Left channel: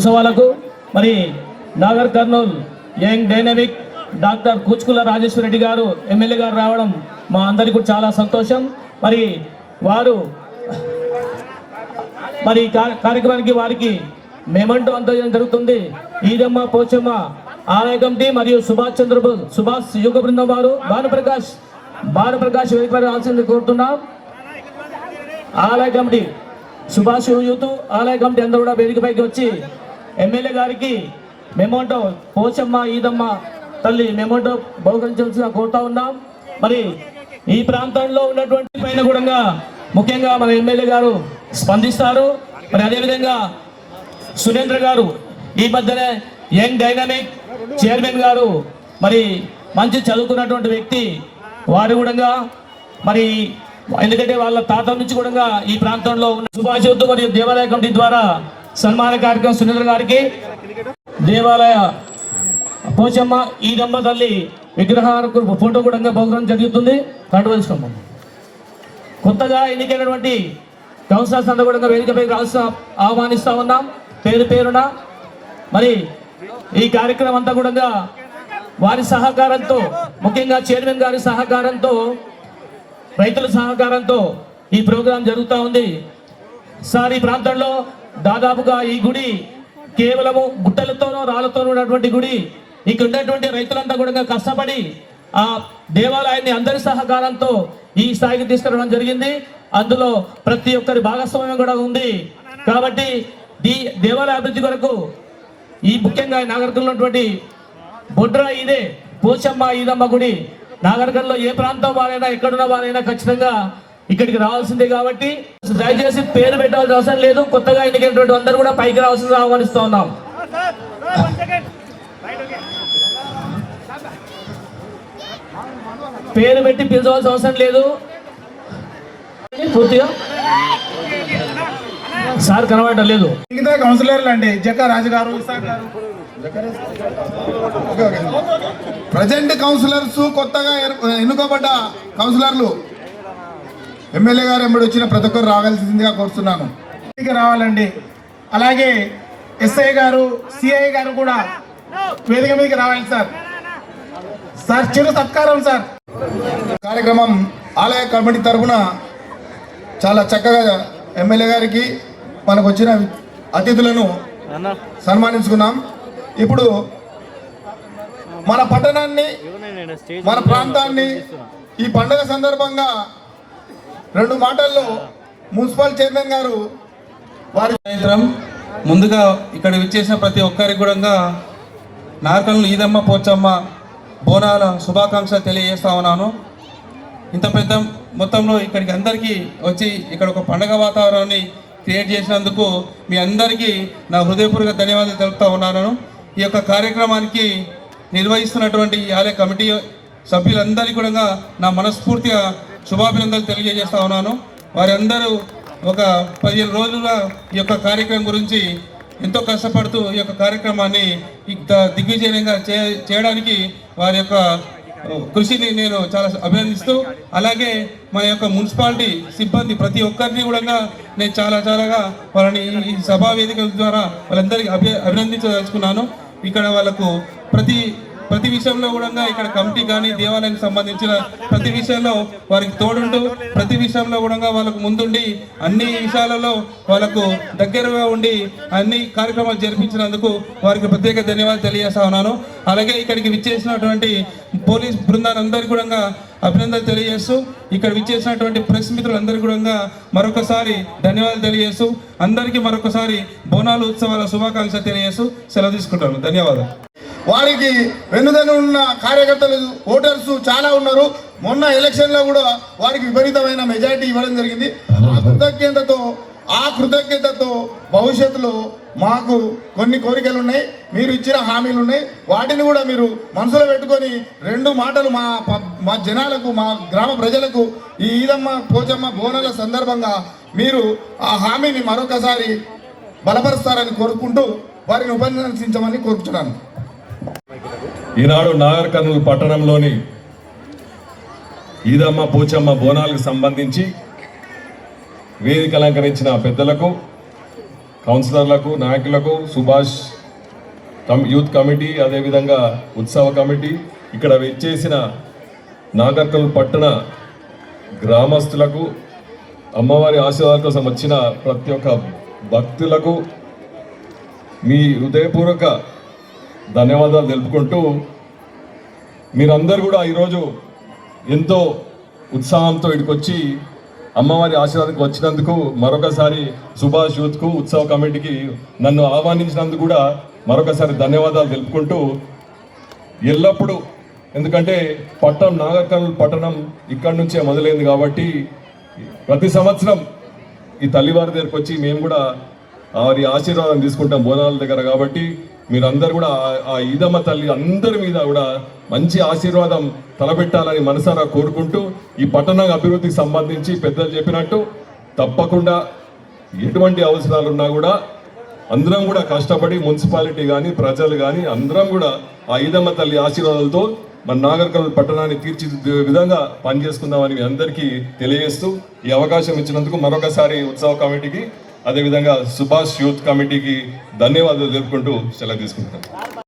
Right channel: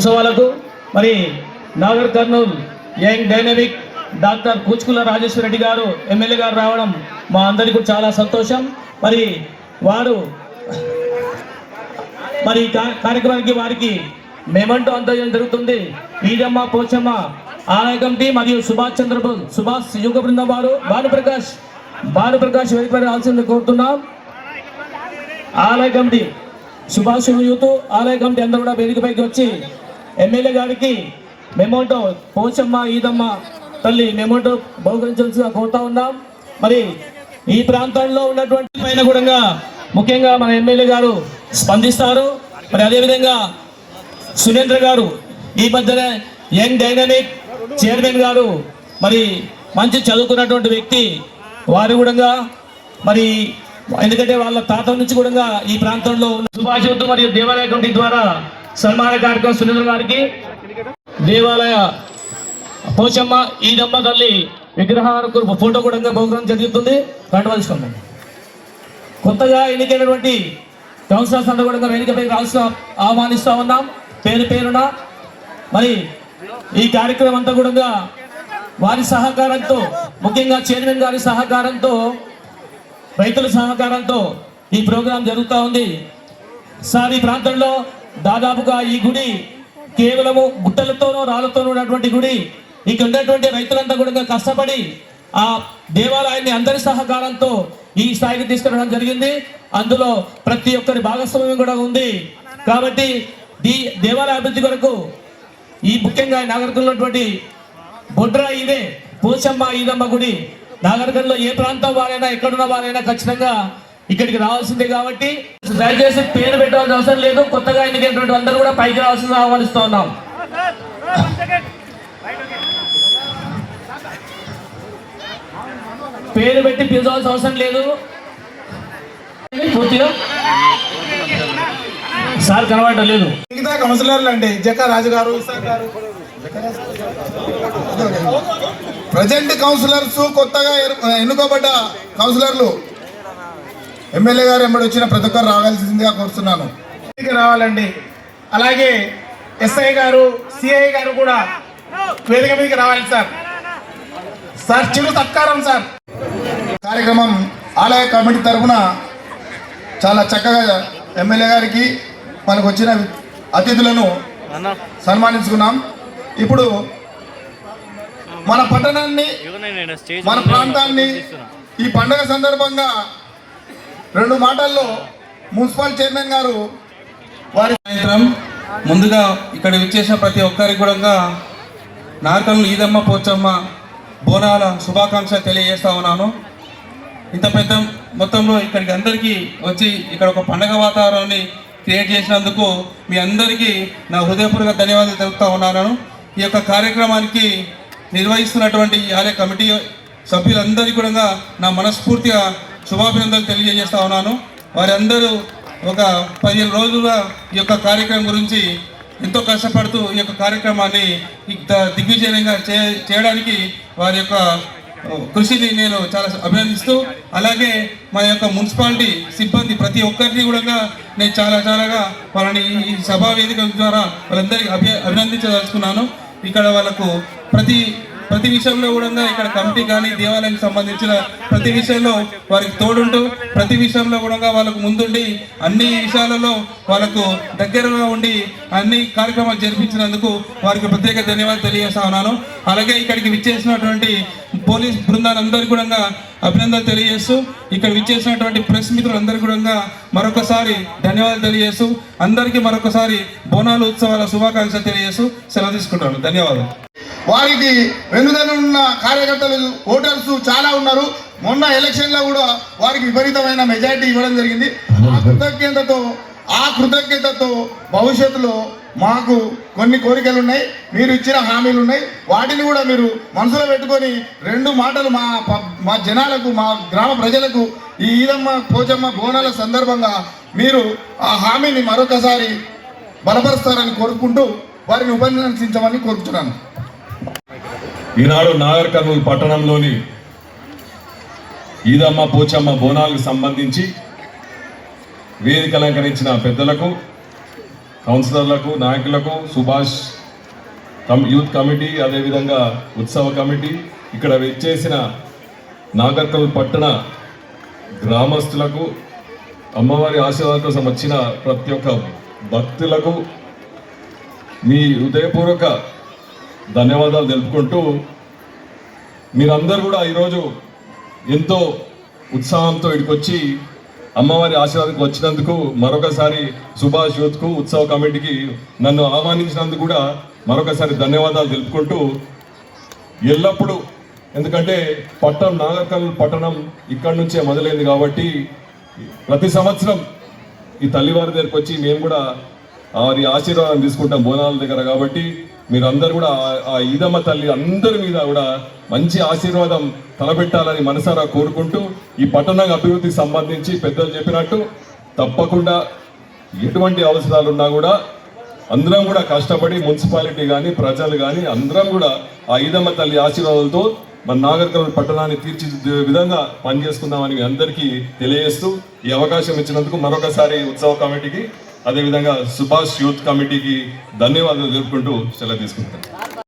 ఉత్సవాలకు మరి Nagar Kurnool young dynamic doctor Kuchukulla Rajeshwara Reddy గారు ఎమ్మెల్యే గారు రావడం మా అందరికీ చాలా సంతోషం. మరి వారు మరి కార్యక్రమానికి వారికి మెమంటో అందజేయడం జరుగుతుంది. ఈదమ్మ పోచమ్మ ఆలయ కమిటీ మరియు సుభాష్ యుగ బృందం వారు భానుప్రకాష్ వేదికపై రావాల్సింది కోరుతున్నాం. ఆలయ కమిటీ సుభాష్ యూత్ ఆలయ కమిటీ అందరూ కూడా వేదికపైకి వచ్చి ఎమ్మెల్యే గారికి మెమంటో పోచమ్మ ఈదమ్మ తల్లి మెమంటో బహుకరించాల్సిగా కోరుతా ఉన్నాం. మరి ఈ ప్రాంతంలో ఉన్నటువంటి పైన కూడా ముఖ్యంగా మన ఎమ్మెల్యే గారు స్పందిస్తారు. మరి అదేవిధంగా సురేంద్ర గారు ఈ మధ్యనే యంగ్ డైనమిక్ చైర్మన్ గారు మరి మంచి చదువుకున్నటువంటి వ్యక్తి వారు కూడా మరి ఎందుకంటే వాళ్ళ తాత నుంచి కూడా ఈ ప్రాంతంలో సుభాష్ మరియు దేవాలయ కమిటీ ద్వారా సన్మాన కార్యక్రమం సురేంద్ర గారికి దేవాలయ పోచమ్మ ఈదమ్మ తల్లి విగ్రహాలకు ఫోటో కూడా బహుకరణ జరుగుతుంది. కట్టుకోవాలి. కొత్తగా ఎన్నికైనటువంటి కౌన్సిలర్స్ అందరూ కూడా వేదికపై ఆహ్వానిస్తా ఉన్నాం పేరున. మరి ఈ కార్యక్రమం అంతా కూడా వారి సహకారంతో ముఖ్యంగా చైర్మన్ గారి సహకారంతో రైతుల సహకారంతో ఈ ప్రోగ్రాం జరుగుతూ ఉంది. సార్ ఈ ప్రాంతంలో దాదాపుగా ఈ గుడి కేవలము గుట్టలతోనో రాళ్లతోనో ఉన్నటువంటి గుడి. ఇక్కడ ఉన్నటువంటి రైతులంతా కూడా కష్టపడి ఆ దేవాలయాన్ని అందరి సహకారంతో ఈ స్థాయికి తీసుకురావడం జరిగింది. అందులో ప్రతి ఒక్కరి భాగస్వామ్యం కూడా ఉంది. కాబట్టి దేవాలయ అభివృద్ధి కొరకు ఈ ముఖ్యంగా నాగరికంలో ఉన్నటువంటి బొడ్ర ఇదే పోచమ్మ ఈదమ్మ గుడి నాగరికంలో ఏ ప్రాంతం వారైనా ఎక్కడున్న వారైనా ఖచ్చితంగా ఇక్కడికి రావాల్సిందే. కాబట్టి దయచేసి పేరు పెట్టాల్సిన అవసరం లేదు. కొత్తగా ఎన్నికైనటువంటి అందరూ కూడా పైకి రావాల్సిందిగా ఆహ్వానిస్తూ ఉన్నాం. పేరు పెట్టి పిలవాల్సిన అవసరం లేదు. పూర్తిగా సార్ కనబడటం లేదు. మిగతా కౌన్సిలర్లు అండి జక్క రాజు గారు ప్రజెంట్ కౌన్సిలర్స్ కొత్తగా ఎన్నుకోబడ్డ కౌన్సిలర్లు ఎమ్మెల్యే గారు ఎమ్మడి వచ్చిన ప్రతి ఒక్కరు రావాల్సిందిగా కోరుతున్నాను. రావాలండి. అలాగే ఎస్ఐ గారు సిఐ గారు కూడా వేదిక మీదకి రావాలి సార్ చిరు సత్కారం సార్. కార్యక్రమం ఆలయ కమిటీ తరఫున చాలా చక్కగా ఎమ్మెల్యే గారికి మనకు వచ్చిన అతిథులను సన్మానించుకున్నాం. ఇప్పుడు మన పట్టణాన్ని మన ప్రాంతాన్ని ఈ పండుగ సందర్భంగా 2 మాటల్లో మున్సిపల్ చైర్మన్ గారు వారి ముందుగా ఇక్కడ విచ్చేసిన ప్రతి ఒక్కరికి కూడా నాగరికల్ ఈదమ్మ పోచమ్మ బోనాల శుభాకాంక్షలు తెలియజేస్తా ఉన్నాను. ఇంత పెద్ద మొత్తంలో ఇక్కడికి అందరికీ వచ్చి ఇక్కడ ఒక పండగ వాతావరణాన్ని క్రియేట్ చేసినందుకు మీ అందరికీ నా హృదయపూర్వక ధన్యవాదాలు తెలుపుతా ఉన్నాను. ఈ యొక్క కార్యక్రమానికి నిర్వహిస్తున్నటువంటి ఈ ఆలయ కమిటీ సభ్యులందరికీ కూడా నా మనస్ఫూర్తిగా శుభాభినందనలు తెలియజేస్తా ఉన్నాను. వారందరూ ఒక 15 రోజులుగా ఈ యొక్క కార్యక్రమం గురించి ఎంతో కష్టపడుతూ ఈ యొక్క కార్యక్రమాన్ని దిగ్విజయంగా చేయడానికి వారి యొక్క కృషిని నేను చాలా అభినందిస్తూ, అలాగే మా యొక్క మున్సిపాలిటీ సిబ్బంది ప్రతి ఒక్కరిని కూడా నేను చాలాగా వాళ్ళని ఈ సభా వేదిక ద్వారా వాళ్ళందరికీ అభినందించదలుచుకున్నాను. ఇక్కడ వాళ్ళకు ప్రతి విషయంలో కూడా ఇక్కడ కమిటీ కానీ దేవాలయానికి సంబంధించిన ప్రతి విషయంలో వారికి తోడుంటూ ప్రతి విషయంలో కూడా వాళ్ళకు ముందుండి అన్ని విషయాలలో వాళ్ళకు దగ్గరగా ఉండి అన్ని కార్యక్రమాలు జరిపించినందుకు వారికి ప్రత్యేక ధన్యవాదాలు తెలియజేస్తా ఉన్నాను. అలాగే ఇక్కడికి విచ్చేసినటువంటి పోలీస్ బృందాలందరికీ కూడా అభినందనలు తెలియజేస్తూ ఇక్కడ విచ్చేసినటువంటి ప్రెస్ మిత్రులందరికీ కూడా మరొకసారి ధన్యవాదాలు తెలియజేస్తూ అందరికీ మరొకసారి బోనాలు ఉత్సవాల శుభాకాంక్షలు తెలియజేస్తూ సెలవు తీసుకుంటాను. ధన్యవాదాలు. వారికి వెనుదనున్న కార్యకర్తలు ఓటర్స్ చాలా ఉన్నారు. మొన్న ఎలక్షన్లో కూడా వారికి విపరీతమైన మెజారిటీ ఇవ్వడం జరిగింది. ఆ కృతజ్ఞతతో భవిష్యత్తులో మాకు కొన్ని కోరికలు ఉన్నాయి, మీరు ఇచ్చిన హామీలు ఉన్నాయి. వాటిని కూడా మీరు మనసులో పెట్టుకొని 2 మాటలు మా జనాలకు మా గ్రామ ప్రజలకు ఈ ఈదమ్మ పోచమ్మ బోనాల సందర్భంగా మీరు ఆ హామీని మరొకసారి బలపరుస్తారని కోరుకుంటూ వారిని ఉపన్యసించమని కోరుతున్నాను. ఈనాడు నాగర్ కర్నూలు పట్టణంలోని ఈదమ్మ పోచమ్మ బోనాలకు సంబంధించి వేదిక అలంకరించిన పెద్దలకు కౌన్సిలర్లకు నాయకులకు సుభాష్ యూత్ కమిటీ అదేవిధంగా ఉత్సవ కమిటీ ఇక్కడ వచ్చేసిన నాగర్కల్ పట్టణ గ్రామస్తులకు అమ్మవారి ఆశీర్వాదం కోసం వచ్చిన ప్రతి ఒక్క భక్తులకు మీ హృదయపూర్వక ధన్యవాదాలు తెలుపుకుంటూ మీరందరూ కూడా ఈరోజు ఎంతో ఉత్సాహంతో ఇక్కడికి వచ్చి అమ్మవారి ఆశీర్వాదంకి వచ్చినందుకు మరొకసారి సుభాష్ యూత్కు ఉత్సవ కమిటీకి నన్ను ఆహ్వానించినందుకు కూడా మరొకసారి ధన్యవాదాలు తెలుపుకుంటూ ఎల్లప్పుడూ ఎందుకంటే నాగర్కల్ పట్టణం ఇక్కడి నుంచే మొదలైంది కాబట్టి ప్రతి సంవత్సరం ఈ తల్లివారి దగ్గరికి వచ్చి మేము కూడా వారి ఆశీర్వాదం తీసుకుంటాం బోనాల దగ్గర కాబట్టి మీరందరూ కూడా ఆ ఈదమ్మ తల్లి అందరి మీద కూడా మంచి ఆశీర్వాదం తలపెట్టాలని మనసారా కోరుకుంటూ ఈ పట్టణ అభివృద్ధికి సంబంధించి పెద్దలు చెప్పినట్టు తప్పకుండా ఎటువంటి అవసరాలు ఉన్నా కూడా అందరం కూడా కష్టపడి మున్సిపాలిటీ కానీ ప్రజలు కానీ అందరం కూడా ఆ ఈదమ్మ తల్లి ఆశీర్వాదాలతో మన నాగర్కల్ పట్టణాన్ని తీర్చిదిద్దే విధంగా పనిచేసుకుందామని మీ అందరికీ తెలియజేస్తూ ఈ అవకాశం ఇచ్చినందుకు మరొకసారి ఉత్సవ కమిటీకి అదేవిధంగా సుభాష్ యూత్ కమిటీకి ధన్యవాదాలు తెలుపుకుంటూ సెలవు తీసుకుంటాను.